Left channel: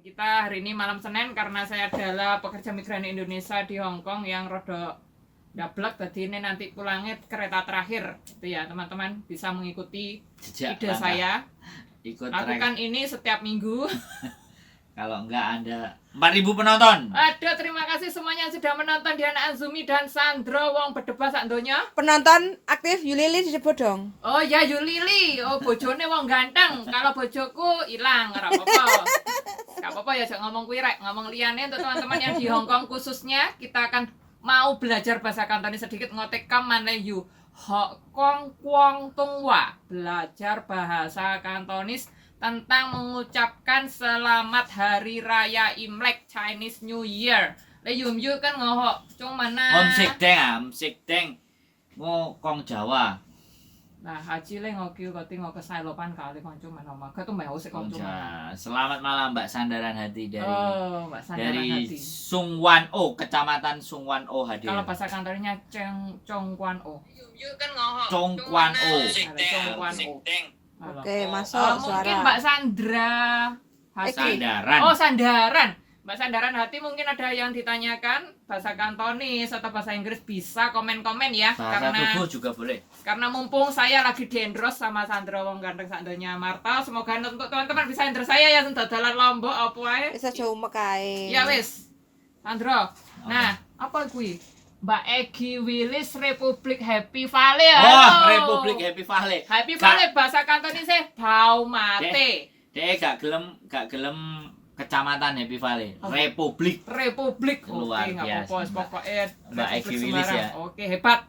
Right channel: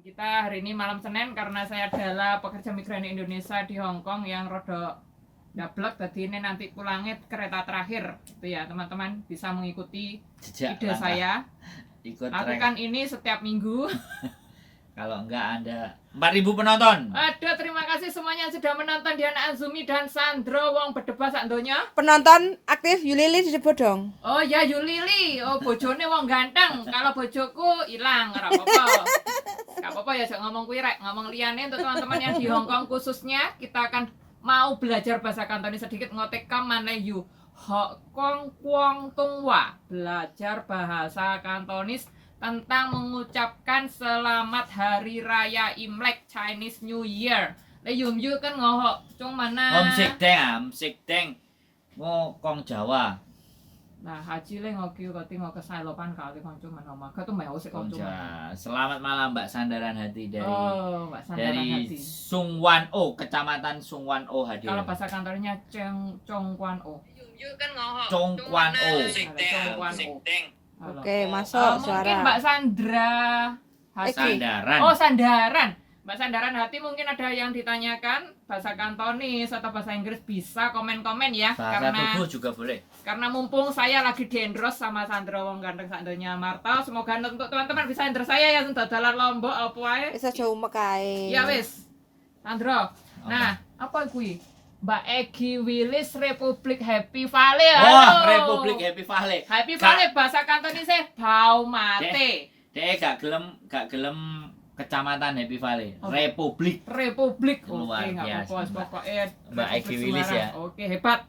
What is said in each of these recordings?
Kita hari ini malam Senin karena saya adalah pekerja migran Indonesia di Hong Kong yang rada gablek, jadi ini nanti pulangnya kereta terakhir itu ya teman-teman, bisa mengikuti ide saya lakukan ini setiap minggu. Kalau enggak Anda 4.000 penonton. Aduh, terima kasih semuanya yang sudah menonton Diana Azumi dan Sandro wong bedebah sak donya. Penonton aktif Yulili disebut dong. Oh ya Yulili, oh bojone wong ganteng. Kalau bojoku hilang, ora apa-apa. Gak apa-apa ya, jangan ngomong kuwi rek, ngomong liyane untuk teman-teman yang di Hong Kong khususnya, kita akan mau belajar bahasa Kantonis sedikit ngotekam mana yu. Hong Kong Kwong Tung Wa, belajar bahasa Kantonis tentang mengucapkan selamat hari raya Imlek Chinese New Year. Le yum yu kan ngoho cung mana? Om sik deng. Ngokong Jawa. Nah, haji le ngoki koti ngok kesailopan kali konco mana oma. Ka tuh mau sik konco. Selamat malam Mbak Sandaran Hati dari Mbak Sandaran dari Hati. Sungwan O, Kecamatan Sungwan O hadir. Kalau bahasa kantornya Congkuan O. Yum yu kan ngoho. Congkuan O. Congkuan O. Oke, masuk suara. Mungkin Mbak Sandra Hati. Sandaran. Oh, Sandaran. Mbak Sandaran Hati mungkin ada yang ditanyakan bahasa Kantonis atau bahasa Inggris, bisa komen-komen ya. Bahasa tubuh juga boleh. Karena mumpung saya lagi diendros sama Sandra wong ganteng sakdonya Marta, semoga untuk teman-teman bisa endros saya ya dalan Lombok apa wae. Wis aja umek kae. Ya wis. Sandra. Nah, apa kuwi? Mbak Egi Willis Republik Happy Valley. Oh, Republik Happy Valley. Happy Valley bahasa Kantonisnya bau mate. Dek gak gelem Kecamatan Happy Valley. Republik. Republik. Luar Oke, biasa, apa-apa pokoknya Mbak Egi Willis ya. Oke, hebat.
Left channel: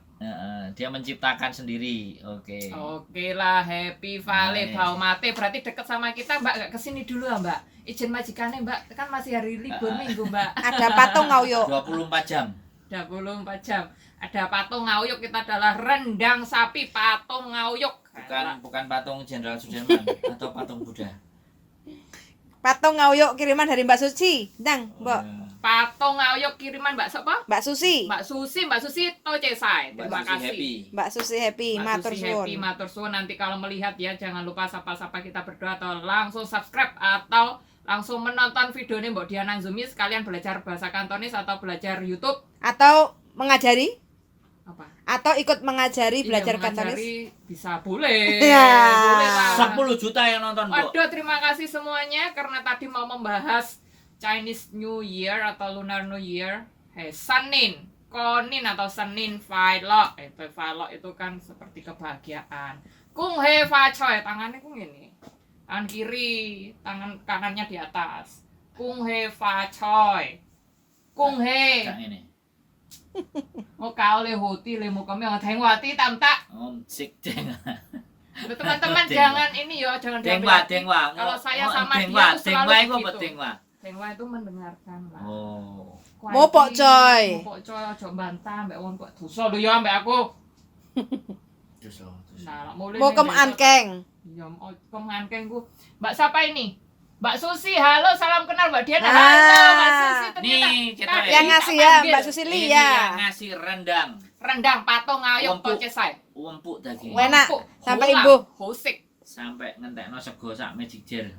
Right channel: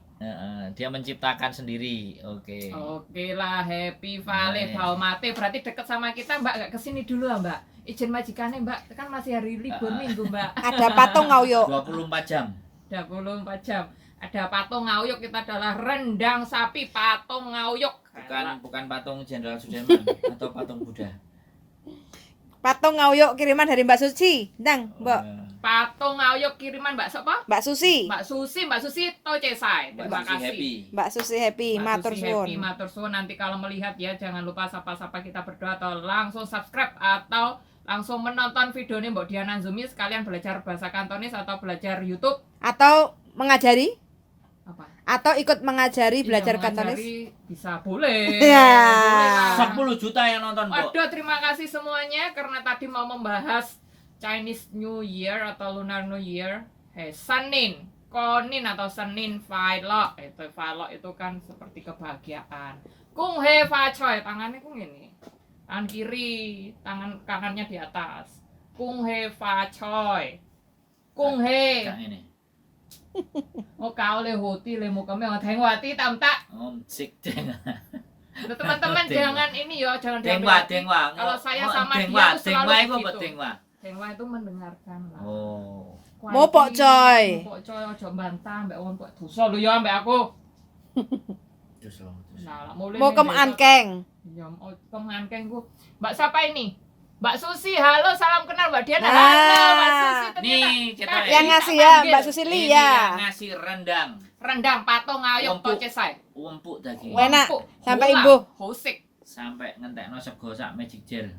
Dia menciptakan sendiri. Oke. Oke lah, Happy Valley Nice. bau mate berarti deket sama kita. Mbak gak kesini dulu ya Mbak? Izin majikannya Mbak, kan masih hari libur minggu Mbak. Ada patung ngauyuk. 24 jam. 24 jam. Ada patung ngauyuk, kita adalah rendang sapi patung ngauyuk. Bukan patung Jenderal Sudirman atau patung Buddha. Patung ngauyuk kiriman dari Mbak Suci. Ndang, Mbak. Patung ngauyuk kiriman Mbak siapa? Mbak Susi. Mbak Susi Tocesai. Terima kasih. Mbak Susi happy, Mbak matur Susi happy, suwun. matur suwun. Nanti kalau melihat ya jangan lupa sapa-sapa kita berdoa atau langsung subscribe atau langsung menonton videonya Mbak Diana Azumi sekalian belajar bahasa Kantonis atau belajar YouTube Atau mengajari apa? atau ikut mengajari belajar Iya, Kantonis. mengajari bisa boleh. Ya. Boleh lah. 10 juta yang nonton, Bu. Waduh, terima kasih semuanya karena tadi mau membahas Chinese New Year atau Lunar New Year. Senin, Konin atau Senin Failok. Failok itu kan seperti kebahagiaan. Kung he fa choy, tangannya kung ini. Tangan kiri, tangan kanannya di atas. Kung he fa choy. Kung he. Yang ini. Mau kau le hoti le mau kami nggak wati tam tak. Om sik deng. Teman-teman jangan ini ya, jangan Dengwa. Kalau saya sama dia Dengwa, tuh selalu itu apa begitu. dengwa? Dengwa itu mendengarkan lah. Oh. Mopok, coy. Mopok coy, ojo bantah mbak wong kok dosa lho ya mbak aku. Terus loh. Nah, mulai Mau kemeankeng. Ya, kemeankeng ku. Mbak siapa ini? Mbak Susi, halo, salam kenal Mbak Diana. Nah. Halo, Mbak Susi ternyata. Nih, kita Tadi Yang tak ngasih ya panggil. Mbak Susi Ini ya. yang ngasih rendang. Rendang patung ngayok Empuk. tocesai. Empuk daging. Enak. Empuk, Sampai hola, imbuh. hosik. Sampai ngentekno sego sak magic jar.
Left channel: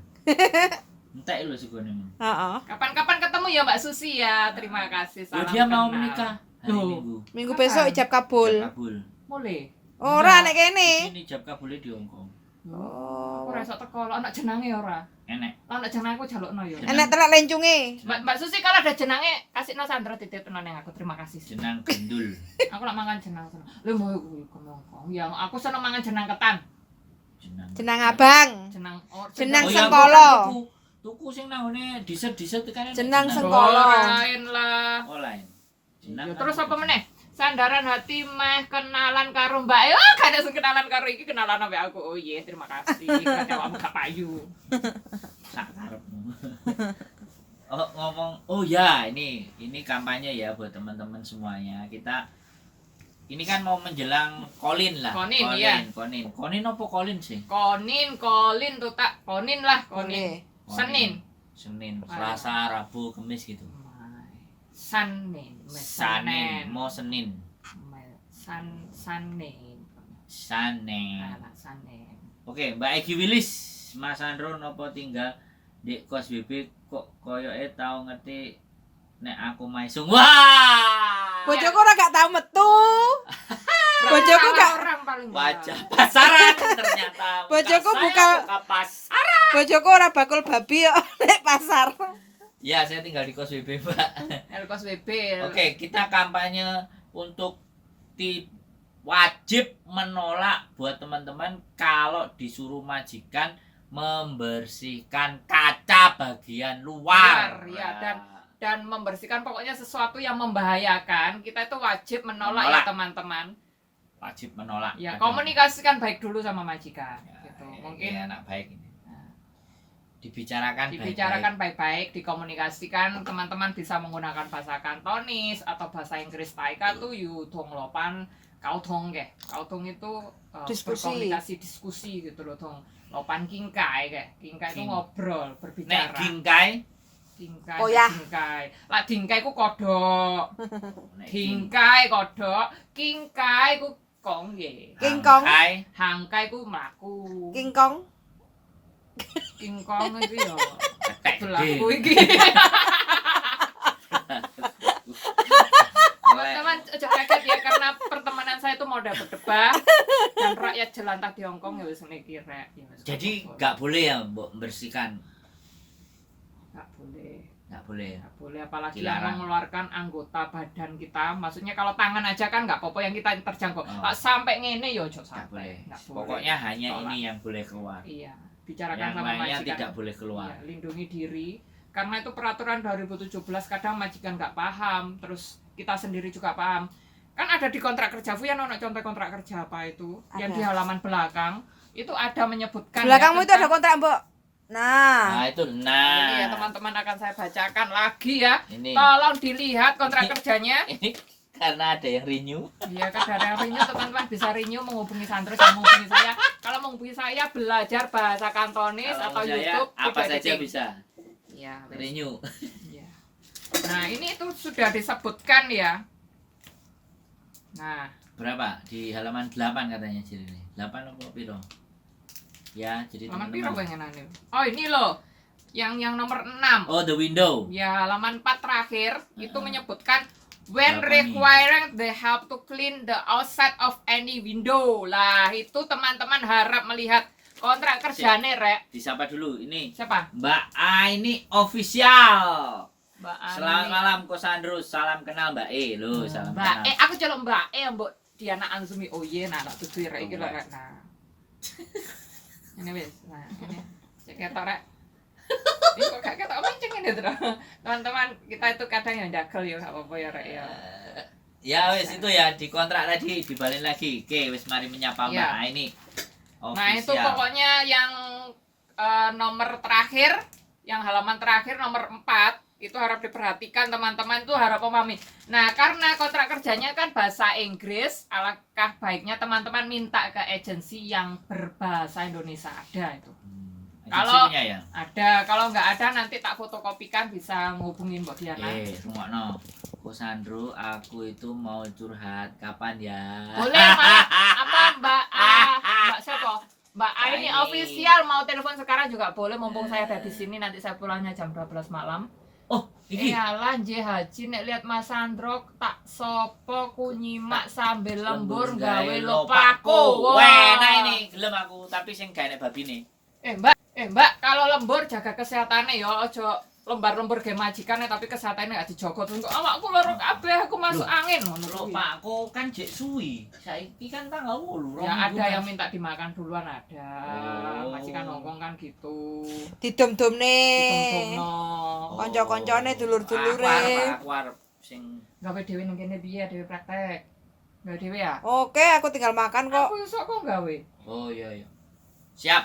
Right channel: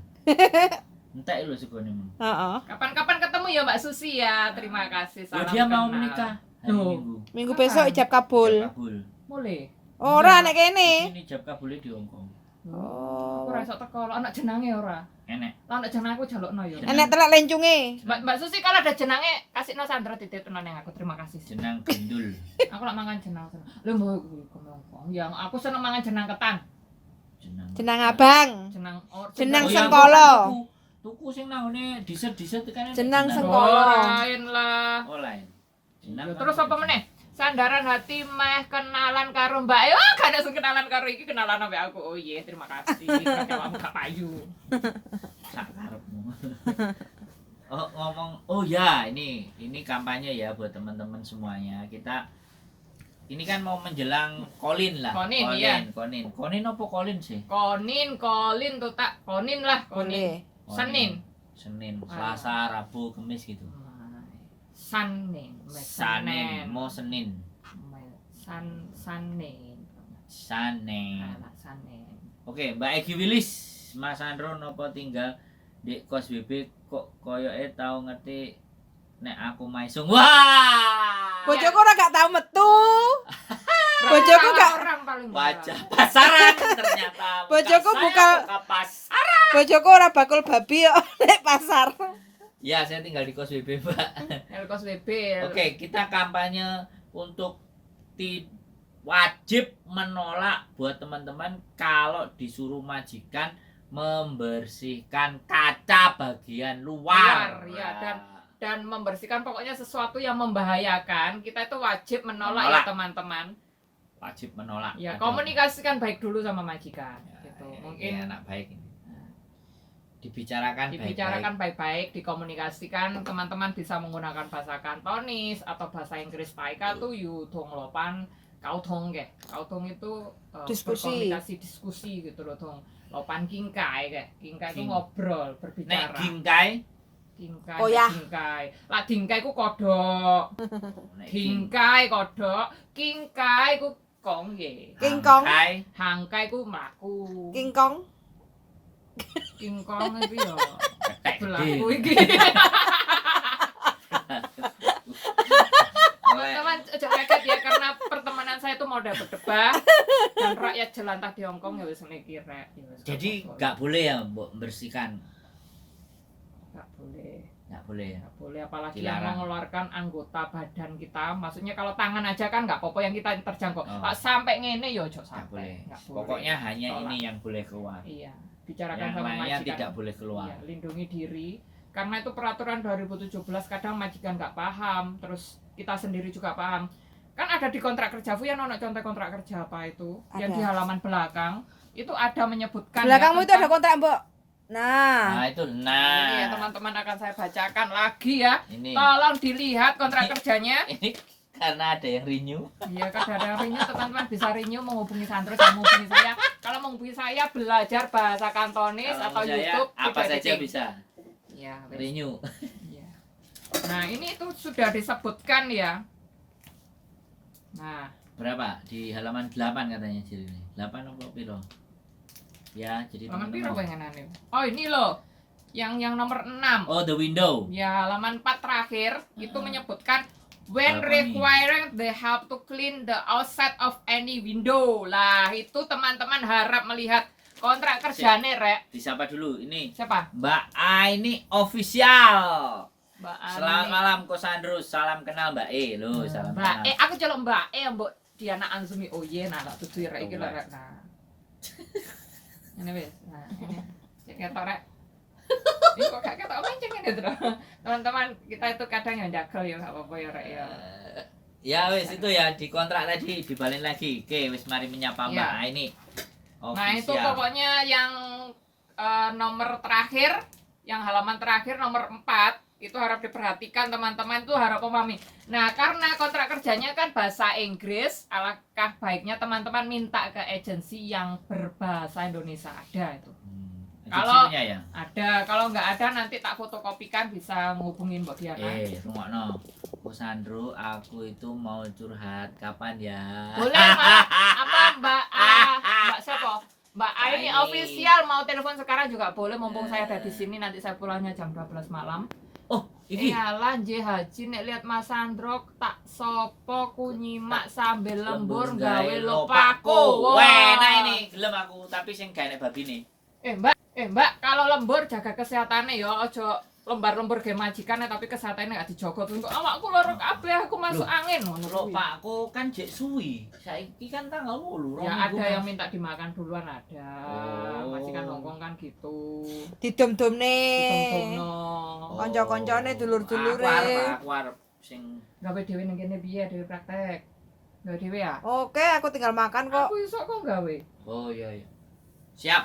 Entek lho segone. Heeh. Kapan-kapan ketemu ya Mbak Susi ya. Terima kasih. Loh, Salam dia mau kenal. menikah hari Loh. Minggu. Minggu Kapan? besok ijab kabul. Ijab kabul. Boleh. Ora nek kene. Ini ijab kabulnya di Hongkong. Oh. Aku rasa teko lo anak jenenge ora. Enek. Lo anak jeneng aku jalukno ya. Enek telak lencunge. Mbak Susi kalau ada jenenge kasih no Sandra titipno ning aku. Terima kasih. Jenang gendul. Aku nak mangan jenang seneng. Lho mau kuwi ngomong. Yang aku seneng mangan jenang ketan. Jenang. Jenang abang. Jenang Jenang yang sengkolo. Tuku sing nang ngene diset-diset kan. Jenang Oh, sengkolo. lain lah. Oh lain. Jenang. Ya, terus apa meneh? Sandaran hati meh kenalan karo Mbak. Oh, gak ada sing kenalan karo iki, kenalan ambek aku. Oh iya, terima kasih. Kamu gak payu. Sak karepmu. Oh ngomong, oh ya ini kampanye ya buat teman-teman semuanya. Kita ini kan mau menjelang Kolin lah. Konin, iya. Konin apa Kolin sih? Kolin tuh tak. Konin lah, Konin. Boleh. Senin. Senin, Selasa, Rabu, Kamis gitu. Senin. Senin, mau Senin. Senin. Senin. Senin. Oke, Mbak Egi Willis, Mas Andro nopo tinggal Di kos BB kok koyoke tau ngerti nek aku maisung. Wah. Bojoku ora gak tau metu. Bojoku gak orang paling Wajah pasaran ternyata. Bojoku Saya bukan- buka pasar. Bojoku ora bakul babi kok nek pasar. Ya, saya tinggal di kos BB, Mbak. Kos WB. Oke, kita kampanye untuk wajib menolak buat teman-teman kalau disuruh majikan membersihkan kaca bagian luar. Luar, ya, dan membersihkan pokoknya sesuatu yang membahayakan, kita itu wajib menolak, Menolak. ya teman-teman. Wajib menolak. Ya, Ada- komunikasikan baik dulu sama majikan. Ya, Gitu. ini Mungkin anak baik ini. Dibicarakan dibicarakan baik-baik, dikomunikasikan, teman-teman bisa menggunakan bahasa Kantonis atau bahasa Inggris Taika tuh yudong lopan kautong ke. Kautong itu Diskusi. berkomunikasi, diskusi gitu loh, dong. Lopan kingkai ke. Kingkai itu ngobrol, Nek berbicara. gingkai, Dingkai, Oh ya. dingkai. Lah dingkai ku kodok. nek Dingkai kodok, kingkai ku kongge. King Kong. hangkai, Hangkai ku mlaku. King Kong. Kingkong iki yo ketek berlaku gede. iki. Teman-teman ojo kaget ya, karena pertemanan saya itu modal berdebat dan rakyat jelantah di Hongkong ya wis ngene iki rek. Ya wis Jadi apa-apa. nggak boleh ya Mbok membersihkan, Nggak boleh. nggak boleh ya. Nggak boleh, apalagi Dilarang. yang mengeluarkan anggota badan kita. Maksudnya kalau tangan aja kan nggak apa-apa yang kita terjangkau. Oh. Pak, sampai ngene yo ojo Nggak sampai. boleh. Nggak boleh. Pokoknya hanya Tolak. ini yang boleh keluar. Iya, bicarakan Yang sama lainnya majikan. tidak boleh keluar. Iya, lindungi diri. Karena itu peraturan 2017, kadang majikan nggak paham, terus kita sendiri juga paham. Kan ada di kontrak kerja, Fu, ya nono contoh kontrak kerja apa itu? Yang Ada. di halaman belakang itu ada menyebutkan. Belakangmu ya, itu ada tentang- kontrak, Mbok. Nah, Nah itu, Ini ya nah teman-teman akan saya bacakan lagi ya. ini Tolong dilihat kontrak kerjanya. ini karena ada yang renew. Iya, kan ada renew, teman-teman bisa renew menghubungi Sandro, sama menghubungi saya. Kalau menghubungi saya belajar bahasa Kantonis Kalau atau saya, YouTube apa video saja editing. bisa Iya, wes. renew. Iya. Nah, ini itu sudah disebutkan ya. Nah, Berapa? Di halaman 8 katanya jadi ini. 8 apa piro? Ya, jadi halaman piro teman-teman. pengenan ini? Oh, ini loh. Yang nomor 6. Oh, the window. Ya, halaman 4 terakhir itu menyebutkan when Berapa nih? requiring they have to clean the outside of any window. Lah, itu teman-teman harap melihat kontrak kerjane, Rek. Disapa dulu ini. Siapa? Mbak A ini official. Mbak Ani. Selamat malam Kosandro, salam kenal Mbak E loh, salam Mbak kenal. aku celok Mbak Mbok Diana Anzumi. Oh iya, nah tak tutu rek iki lho, Rek. Nah. Ini wis. Nah, ini. Cek ketok rek. Ini kok gak ketok menceng ini terus. Teman-teman, kita itu kadang yang jagel ya, gak apa-apa ya, Rek ya. Ya wis itu ya di kontrak tadi dibalik lagi. Oke, wis mari menyapa Mbak Iya. A ini. Nah, itu Official. pokoknya yang nomor terakhir, yang halaman terakhir nomor 4 itu harap diperhatikan teman-teman, tuh harap memahami. Nah, karena kontrak kerjanya kan bahasa Inggris, alangkah baiknya teman-teman minta ke agensi yang berbahasa Indonesia. Ada itu. Kalau Kalau- ya. Ada, kalau nggak ada nanti tak fotokopikan, bisa ngubungin Mbak Diana. Rungokno. Kosandro, aku itu mau curhat kapan ya? Boleh, Mbak. Apa Mbak A? Mbak siapa? Mbak A ini Ini. official, mau telepon sekarang juga boleh, mumpung saya ada di sini. Nanti saya pulangnya jam 12 malam. Oh, ini. Iyalah Nje Haji nek lihat Mas Sandro tak sopo ku nyimak sambil lembur gawe lopaku. Wah, nah ini gelem aku, tapi sing gak enek babine. Mbak, kalau lembur jaga kesehatannya ya, ojo lembar-lembur ge majikan tapi kesehatannya gak dijogo terus kok awakku loro kabeh, aku masuk Loh, angin ngono. Lho, Pakku kan jek suwi. Saiki kan tanggal 8. Ya ada yang minta dimakan duluan ada. Oh. Majikan Hongkong kan gitu. didom-domne. Ditomno. Konco-koncone, dulur-dulure. Aku arep sing Gawe dhewe ning kene piye dhewe praktek. Gawe dhewe ya? Oke, aku tinggal makan kok. Aku iso kok gawe. Oh iya. Siap.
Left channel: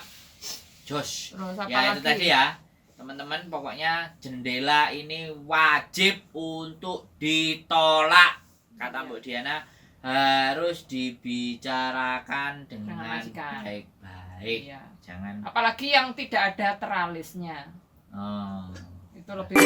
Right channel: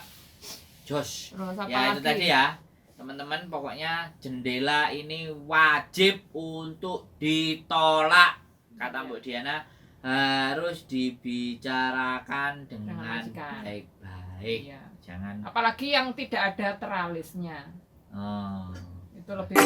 Jos. Terus apa Ya lagi? itu tadi ya. Teman-teman, pokoknya jendela ini wajib untuk ditolak. Kata Mbak Diana, harus dibicarakan dengan majikan. baik-baik. Iya. Jangan Apalagi yang tidak ada teralisnya. oh. Itu lebih